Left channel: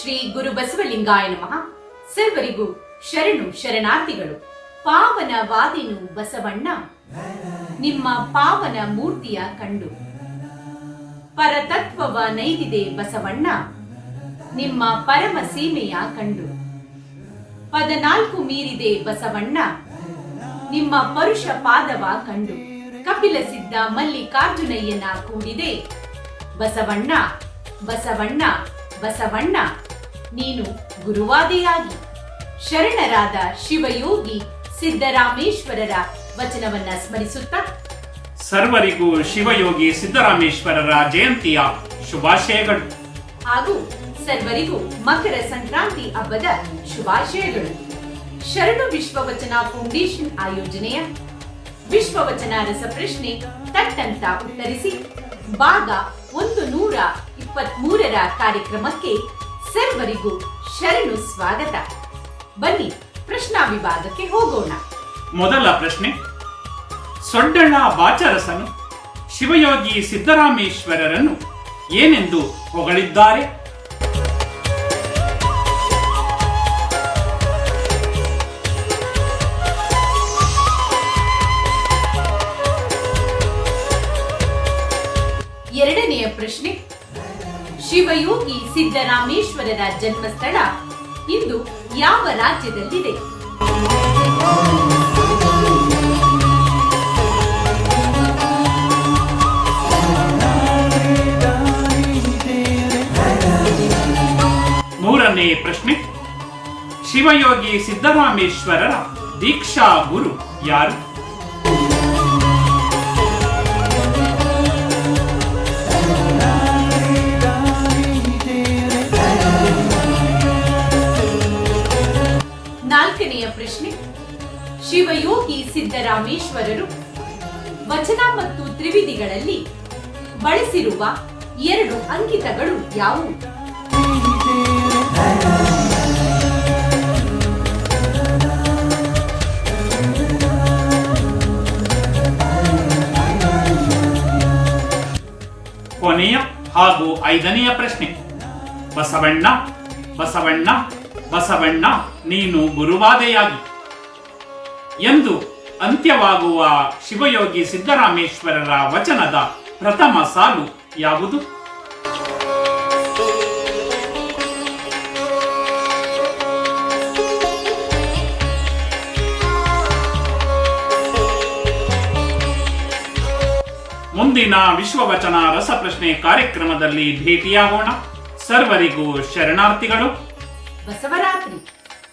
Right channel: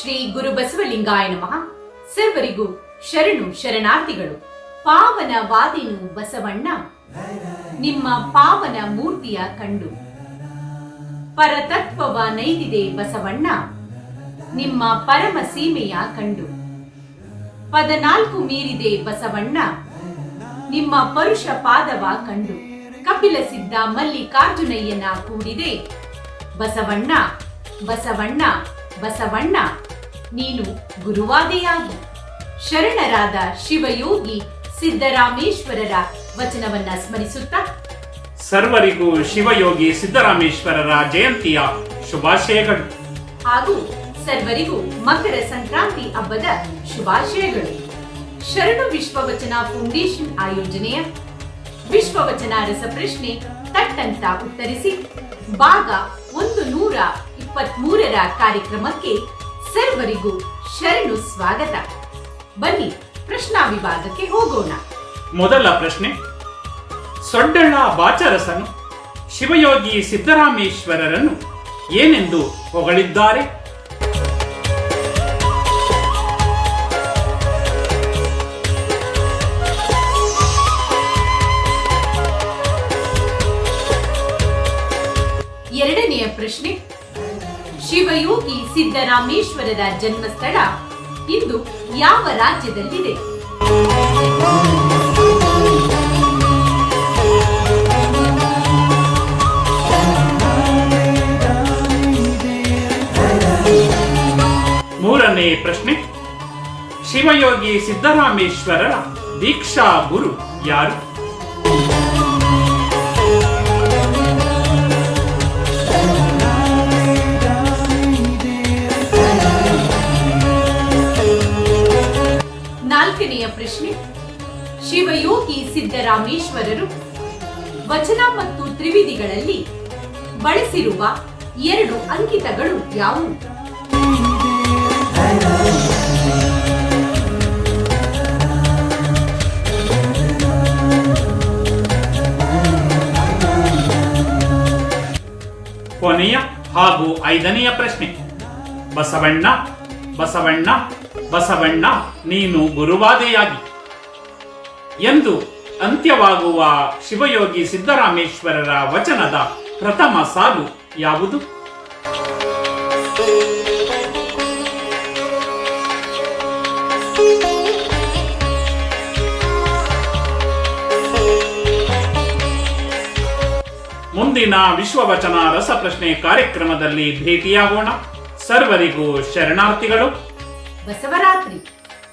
ಶ್ರೀ ಗುರು ಬಸವಲಿಂಗಾಯ ನಮಃ. ಸರ್ವರಿಗೂ ಶರಣು ಶರಣಾರ್ಥಿಗಳು. ಪಾವನವಾದಿನು ಬಸವಣ್ಣ, ನಿಮ್ಮ ಪಾವನ ಮೂರ್ತಿಯ ಕಂಡು. ಪರತತ್ವವ ನೈದಿದೆ ಬಸವಣ್ಣ, ನಿಮ್ಮ ಪರಮ ಸೀಮೆಯ ಕಂಡು. 14 ಮೀರಿದೆ ಬಸವಣ್ಣ, ನಿಮ್ಮ ಪರುಷ ಪಾದವ ಕಂಡು. ಕಪಿಲ ಸಿದ್ಧ ಮಲ್ಲಿಕಾರ್ಜುನಯ್ಯನ ಕೂಡಿದೆ ಬಸವಣ್ಣ, ಬಸವಣ್ಣ, ಬಸವಣ್ಣ, ನೀನು ಗುರುವಾದೆಯಾಗಿ. ಶರಣರಾದ ಶಿವಯೋಗಿ ಸಿದ್ದರಾಮೇಶ್ವರರ ವಚನವನ್ನ ಸ್ಮರಿಸುತ್ತಾ ಸರ್ವರಿಗೂ ಶಿವಯೋಗಿ ಸಿದ್ದರಾಮೇಶ್ವರರ ಜಯಂತಿಯ ಶುಭಾಶಯಗಳು ಹಾಗೂ ಸರ್ವರಿಗೂ ಮಕರ ಸಂಕ್ರಾಂತಿ ಹಬ್ಬದ ಶುಭಾಶಯಗಳು. ಶರಣು ವಿಶ್ವವಚನ ಫೌಂಡೇಶನ್ ಆಯೋಜನೆಯ ವಿಶ್ವವಚನ ರಸಪ್ರಶ್ನೆ ತಟ್ಟಂತ ಉತ್ತರಿಸಿ ಭಾಗ 123ರ ಕಾರ್ಯಕ್ರಮಕ್ಕೆ ಸರ್ವರಿಗೂ ಶರಣು ಸ್ವಾಗತ. ಬನ್ನಿ ಪ್ರಶ್ನಾ ವಿಭಾಗಕ್ಕೆ ಹೋಗೋಣ. ಮೊದಲ ಪ್ರಶ್ನೆ, ಸೊಡ್ಡಳ ಬಾಚರಸನು ಶಿವಯೋಗಿ ಸಿದ್ದರಾಮೇಶ್ವರರನ್ನು ಏನೆಂದು ಹೊಗಳಿದ್ದಾರೆ? ಎರಡನೆಯ ಪ್ರಶ್ನೆ, ಶಿವಯೋಗಿ ಸಿದ್ದರಾಮೇಶ್ವರರ ಜನ್ಮಸ್ಥಳ ಇಂದು ಯಾವ ರಾಜ್ಯದಲ್ಲಿದೆ? ಮೂರನೇ ಪ್ರಶ್ನೆ, ಶಿವಯೋಗಿ ಸಿದ್ದರಾಮೇಶ್ವರರ ದೀಕ್ಷಾ ಗುರು ಯಾರು? ನಾಲ್ಕನೆಯ ಪ್ರಶ್ನೆ, ಶಿವಯೋಗಿ ಸಿದ್ದರಾಮೇಶ್ವರರು ವಚನ ಮತ್ತು ತ್ರಿವಿಧಿಗಳಲ್ಲಿ ಬಳಸಿರುವ 2 ಅಂಕಿತಗಳು ಯಾವುವು? ಕೊನೆಯ ಹಾಗೂ 5ನೆಯ ಪ್ರಶ್ನೆ, ಬಸವಣ್ಣ, ಬಸವಣ್ಣ, ಬಸವಣ್ಣ, ನೀನು ಗುರುವಾದೆಯಾಗಿ ಎಂದು ಅಂತ್ಯವಾಗುವ ಶಿವಯೋಗಿ ಸಿದ್ದರಾಮೇಶ್ವರರ ವಚನದ ಪ್ರಥಮ ಸಾಲು ಯಾವುದು? ಮುಂದಿನ ವಿಶ್ವವಚನ ರಸಪ್ರಶ್ನೆ ಕಾರ್ಯಕ್ರಮದಲ್ಲಿ ಭೇಟಿಯಾಗೋಣ. ಸರ್ವರಿಗೂ ಶರಣಾರ್ಥಿಗಳು. ಬಸವರಾತ್ರಿ.